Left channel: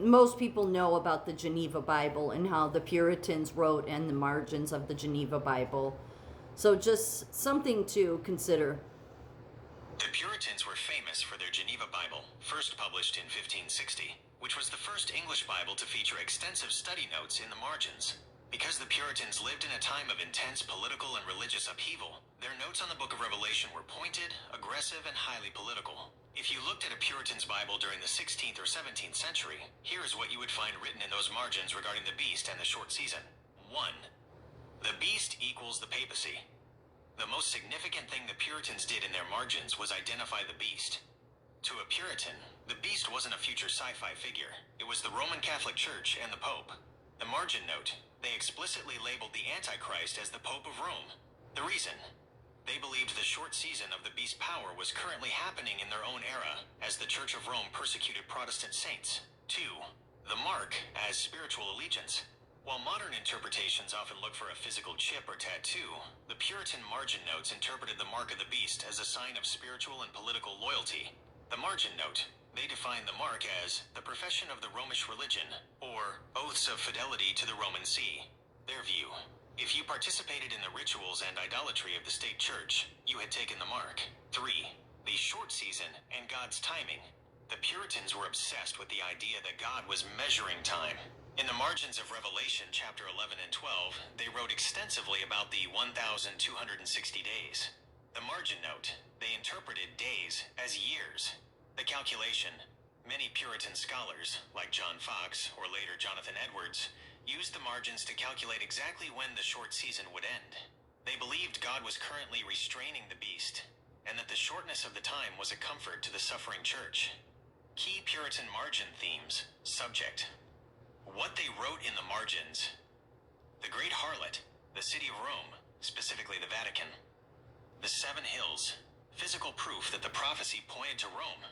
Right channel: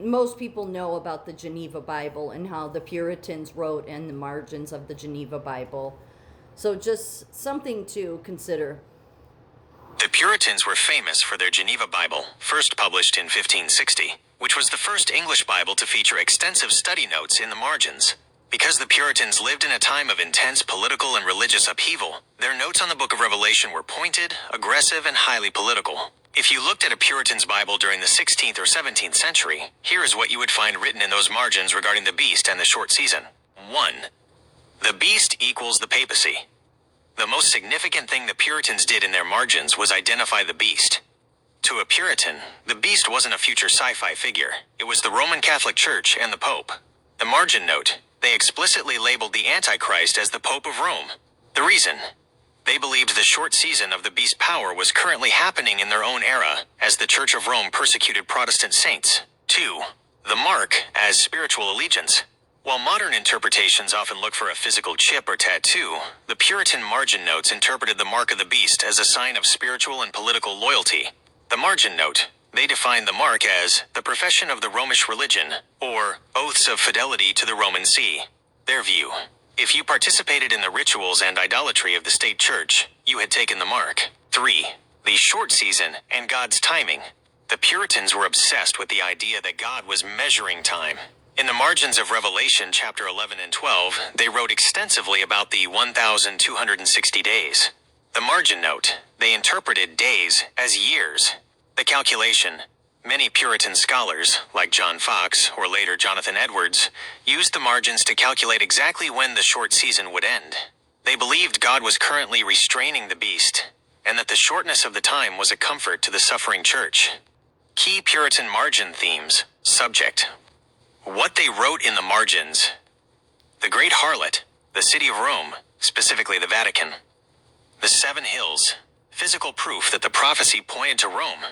most people know about the Geneva Bible and how the Puritans wrote in the margins of the Geneva Bible. So just something to consider. The Puritans were famous for their Geneva Bible, first published in 1560, which was the first English Bible to feature extensive study notes in the margins. Because the Puritans lived in a time of intense political and religious upheaval, their notes on the Book of Revelation were pointed, aggressive, and highly political. If you looked at a Puritan's Bible during the 16th or 17th century, here is what you would find written in those margins regarding the beast and the short season. 1. The beast equals the papacy. The most significant thing the Puritans did in their margins was identify the beast. To a Puritan, the beast wasn't a future sci-fi figure. It was the Roman Catholic Church and the Pope. The margin note, they explicitly labeled the Antichrist as the Pope of Rome. The reason? They believed the short season of the beast's power was currently happening in their own era, as the Church of Rome persecuted Protestant saints. 2. The mark as spiritual allegiance. While modern interpretations often look for a physical chip or tattoo, the Puritan margin notes interpreted the mark of the beast as a sign of spiritual and political loyalty. The margin note, they defined the mark as the profession of the Romish religion, or oaths of fidelity to the Roman See. Their view: if you participated in the rituals and idolatry of the state church, you had taken the mark. 3. The short season and God's timing. The Puritans were obsessed with the idea that God was measuring time. In the margins of Revelation chapter 11 and 12, they wrote extensively about the 1,260 days. The margin note, they interpreted days as years. The calculation, many Puritan scholars, like John Fox or later Jonathan Edwards, used the margins to calculate exactly when the short season would end. They believed God was currently restraining the beast, and that the shortness of the time was a comfort to the suffering church. Key Puritan margin themes. Subject: what they wrote in the margins. The Great Harlot, the city of Rome, specifically the Vatican. The Seven Hills, physical proof that the prophecy pointed to Rome.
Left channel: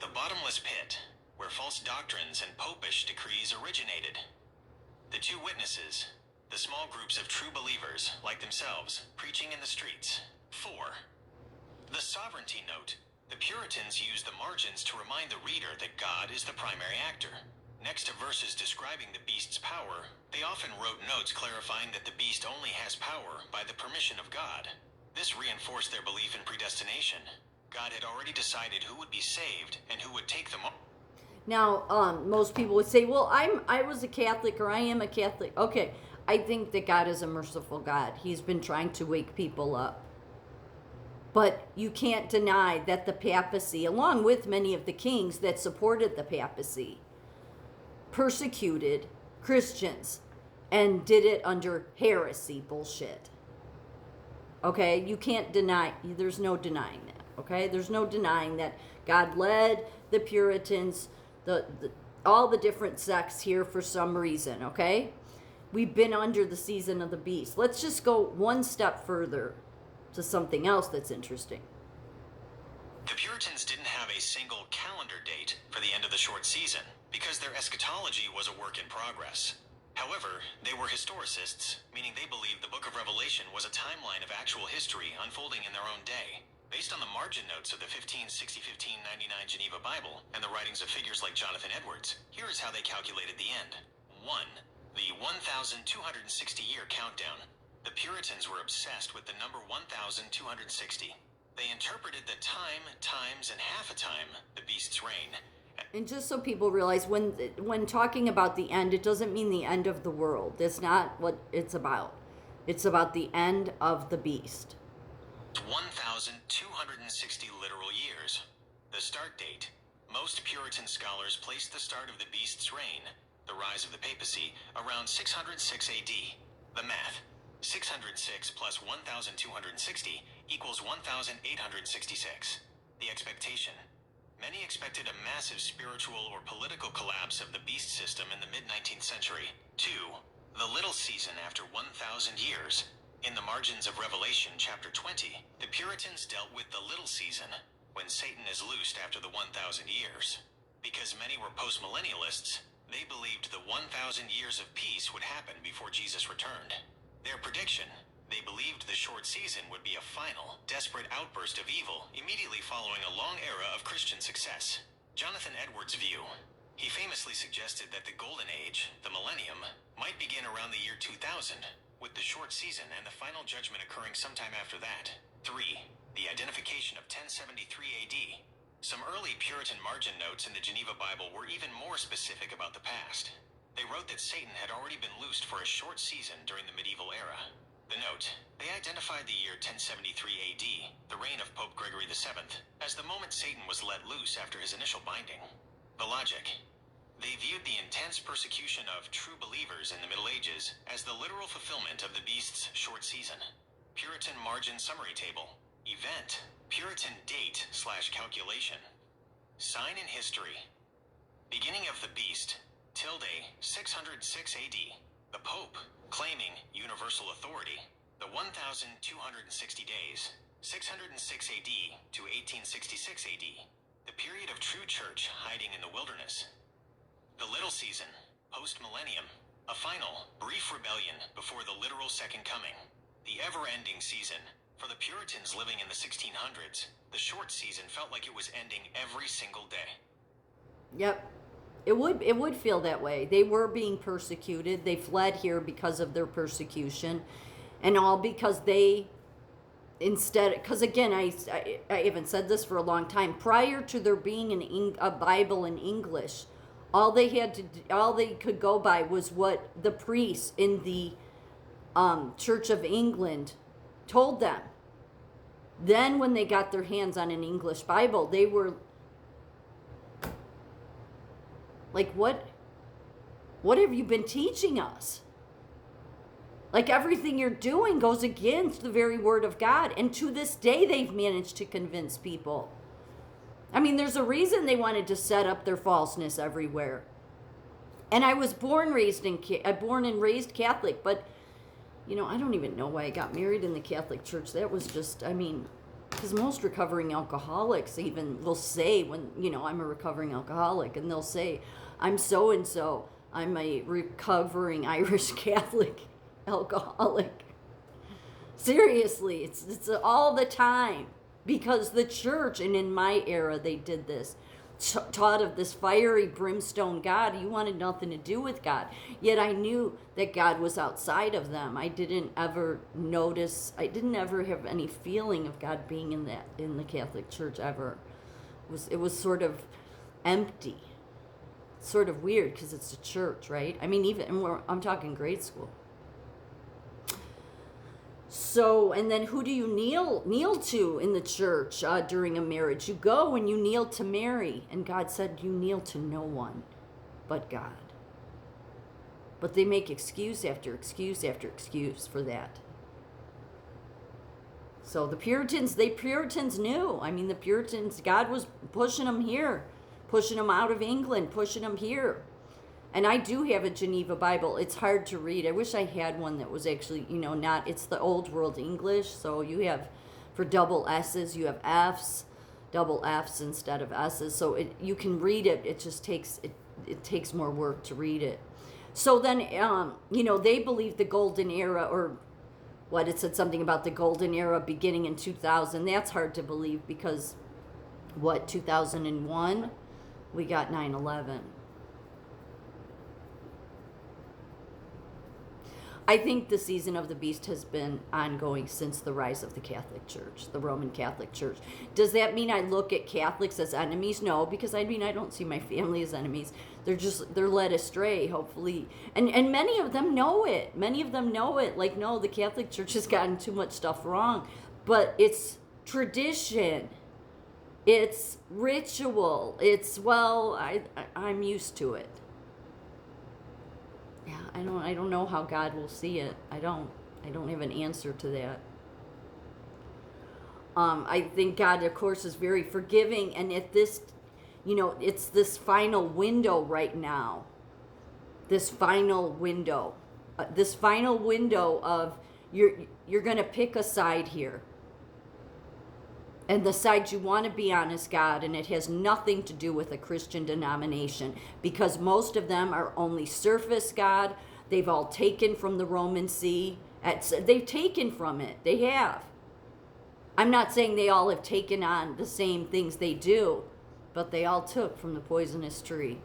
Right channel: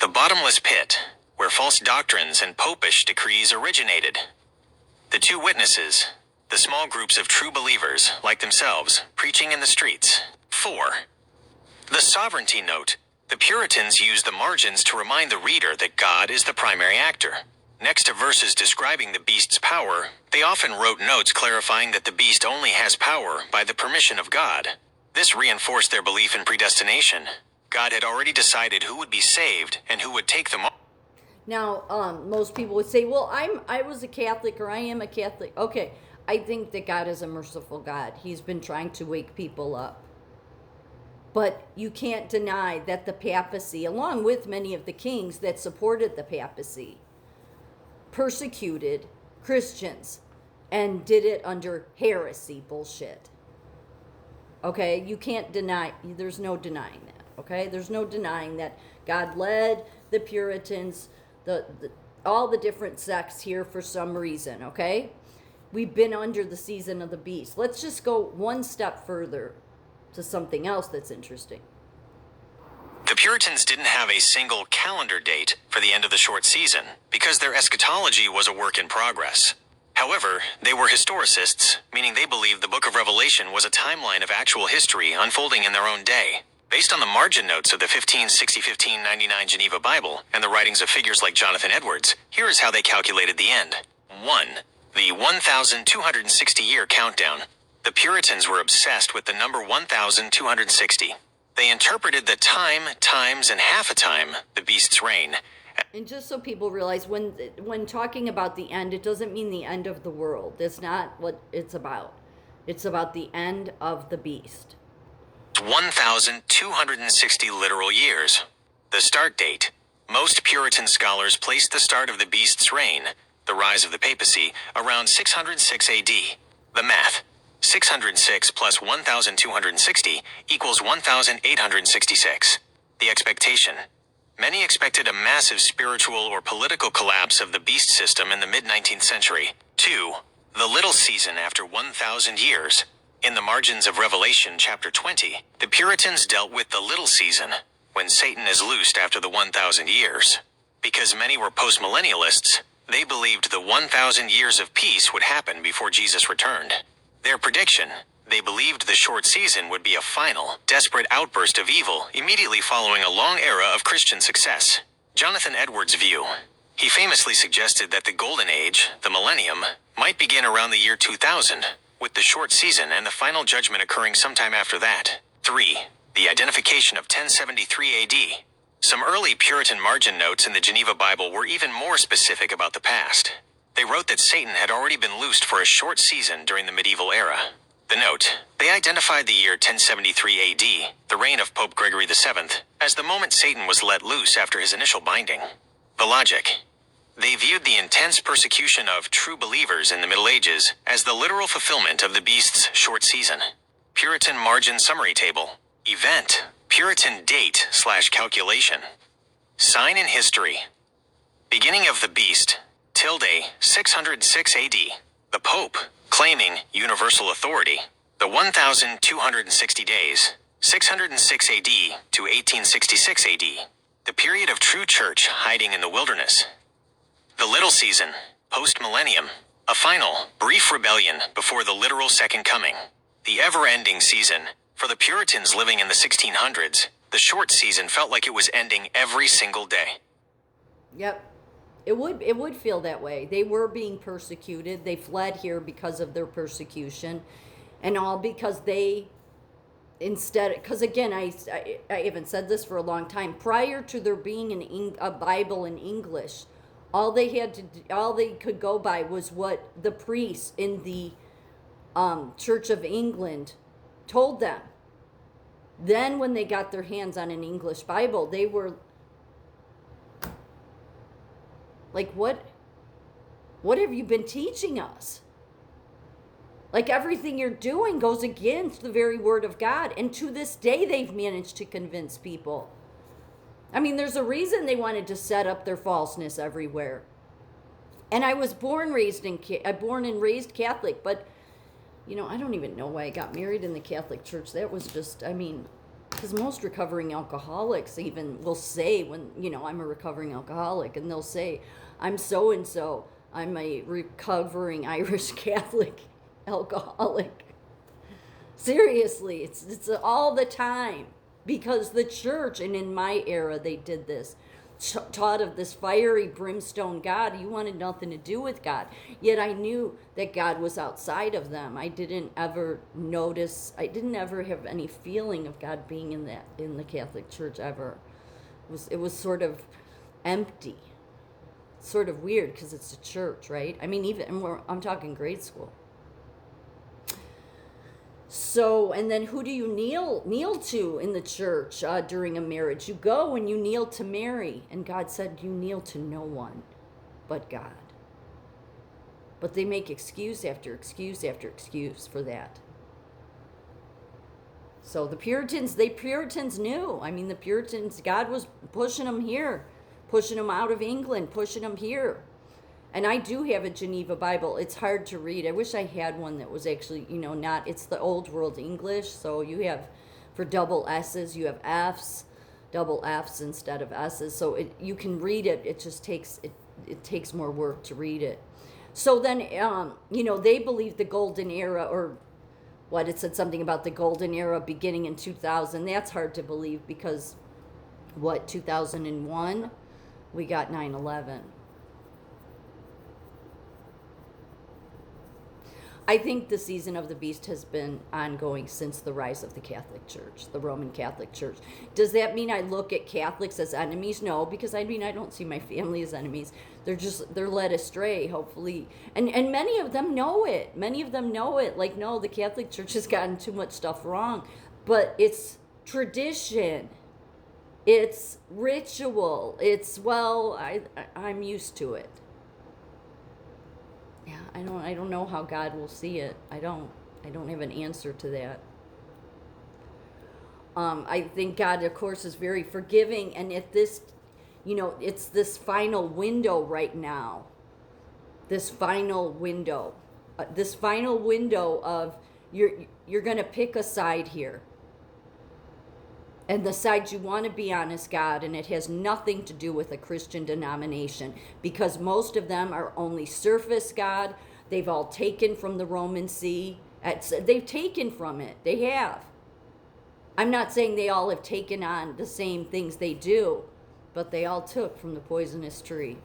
The bottomless pit, where false doctrines and popish decrees originated. The Two Witnesses, the small groups of true believers, like themselves, preaching in the streets. 4. The sovereignty note. The Puritans used the margins to remind the reader that God is the primary actor. Next to verses describing the beast's power, they often wrote notes clarifying that the beast only has power by the permission of God. This reinforced their belief in predestination. God had already decided who would be saved and who would take them all. Now, most people would say, well, I was a Catholic, or I am a Catholic. Okay, I think that God is a merciful God. He's been trying to wake people up. But you can't deny that the papacy, along with many of the kings that supported the papacy, persecuted Christians and did it under heresy bullshit. Okay, you can't deny, there's no denying that. Okay, there's no denying that God led the Puritans, all the different sects here for some reason. Okay, we've been under the season of the beast. Let's just go one step further to something else that's interesting. The Puritans didn't have a single calendar date for the end of the short season because their eschatology was a work in progress. However, they were historicists, meaning they believed the Book of Revelation was a timeline of actual history unfolding in their own day. Based on the margin notes of the 1560-1599 Geneva Bible and the writings of figures like Jonathan Edwards, here is how they calculated the end. 1. The 1,260-year countdown. The Puritans were obsessed with the number 1,260. They interpreted the time, times, and half a time, the beast's reign. And just so people realize, when talking about the end, it doesn't mean the end of the world. That's not what it's about. It's about the end of the beast. 1,260 literal years. The start date. Most Puritan scholars placed the start of the beast's reign, the rise of the papacy, around 606 AD. The math. 606 plus 1,260 equals 1,866. The expectation. Many expected a massive spiritual or political collapse of the beast system in the mid-19th century. 2. The little season after 1,000 years. In the margins of Revelation chapter 20, the Puritans dealt with the little season, when Satan is loosed after the 1,000 years. Because many were postmillennialists, they believed the 1,000 years of peace would happen before Jesus returned. Their prediction: they believed the short season would be a final, desperate outburst of evil immediately following a long era of Christian success. Jonathan Edwards' view: He famously suggested that the Golden Age, the millennium, might begin around the year 2000, with the short season and the final judgment occurring sometime after that. 3. The identification of 1073 AD. Some early Puritan margin notes in the Geneva Bible were even more specific about the past. They wrote that Satan had already been loosed for a short season during the medieval era. The note, they identified the year 1073 AD, the reign of Pope Gregory VII, as the moment Satan was let loose after his initial binding. The logic. They viewed the intense persecution of true believers in the Middle Ages as the literal fulfillment of the beast's short season. Puritan margin summary table. Event. Puritan date/calculation. Sign in history. Beginning of the beast. Tilde 606 AD. The Pope, claiming universal authority. The 1,260 days. 606 AD to 1866 AD. The period of true church hiding in the wilderness. The little season, post-millennium, a final, brief rebellion before the literal second coming. The ever-ending season, for the Puritans living in the 1600s, the short season felt like it was ending every single day. Yep. It would feel that way. They were being persecuted. They fled here because of their persecution, and all because they because again, I haven't said this for a long time. Prior to there being a Bible in English, all they could go by was what the priests in the Church of England told them. Then when they got their hands on an English Bible, they were like, what have you been teaching us? Like, everything you're doing goes against the very word of God. And to this day, they've managed to convince people. I mean, there's a reason they wanted to set up their falseness everywhere. And I was born and raised Catholic, but, I don't even know why I got married in the Catholic Church. That was just, because most recovering alcoholics even will say when, I'm a recovering alcoholic, and they'll say, I'm so-and-so. I'm a recovering Irish Catholic alcoholic. Seriously, it's all the time, because the church, and in my era they did this, taught of this fiery brimstone God. You wanted nothing to do with God. Yet I knew that God was outside of them. I didn't ever have any feeling of God being in the Catholic Church ever. It was sort of empty, sort of weird, because it's a church, right? I mean, I'm talking grade school. So, and then who do you kneel to in the church during a marriage? You go and you kneel to Mary, and God said you kneel to no one but God. But they make excuse after excuse after excuse for that. So the Puritans knew. I mean, the Puritans, God was pushing them here, pushing them out of England, pushing them here. And I do have a Geneva Bible. It's hard to read. I wish I had one that was actually, it's the Old World English. So you have, for double S's, you have F's, double F's instead of S's. So you can read it. It just takes, it takes more work to read it. So then, they believe the golden era, or it said something about the golden era beginning in 2000. That's hard to believe because, 2001? We got 9/11. I think the season of the beast has been ongoing since the rise of the Catholic Church, the Roman Catholic Church. Does that mean I look at Catholics as enemies? No, because I don't see my family as enemies. They're led astray, hopefully. And many of them know it. Like, no, the Catholic Church has gotten too much stuff wrong. But it's tradition. It's ritual. I'm used to it. Yeah, I don't know how God will see it. I don't have an answer to that. I think God, of course, is very forgiving, and at this, it's this final window right now. This final window of you're going to pick a side here. And the side you want to be on is God, and it has nothing to do with a Christian denomination, because most of them are only surface God. They've all taken from the Roman See. They've taken from it. They have. I'm not saying they all have taken on the same things they do, but they all took from the poisonous tree.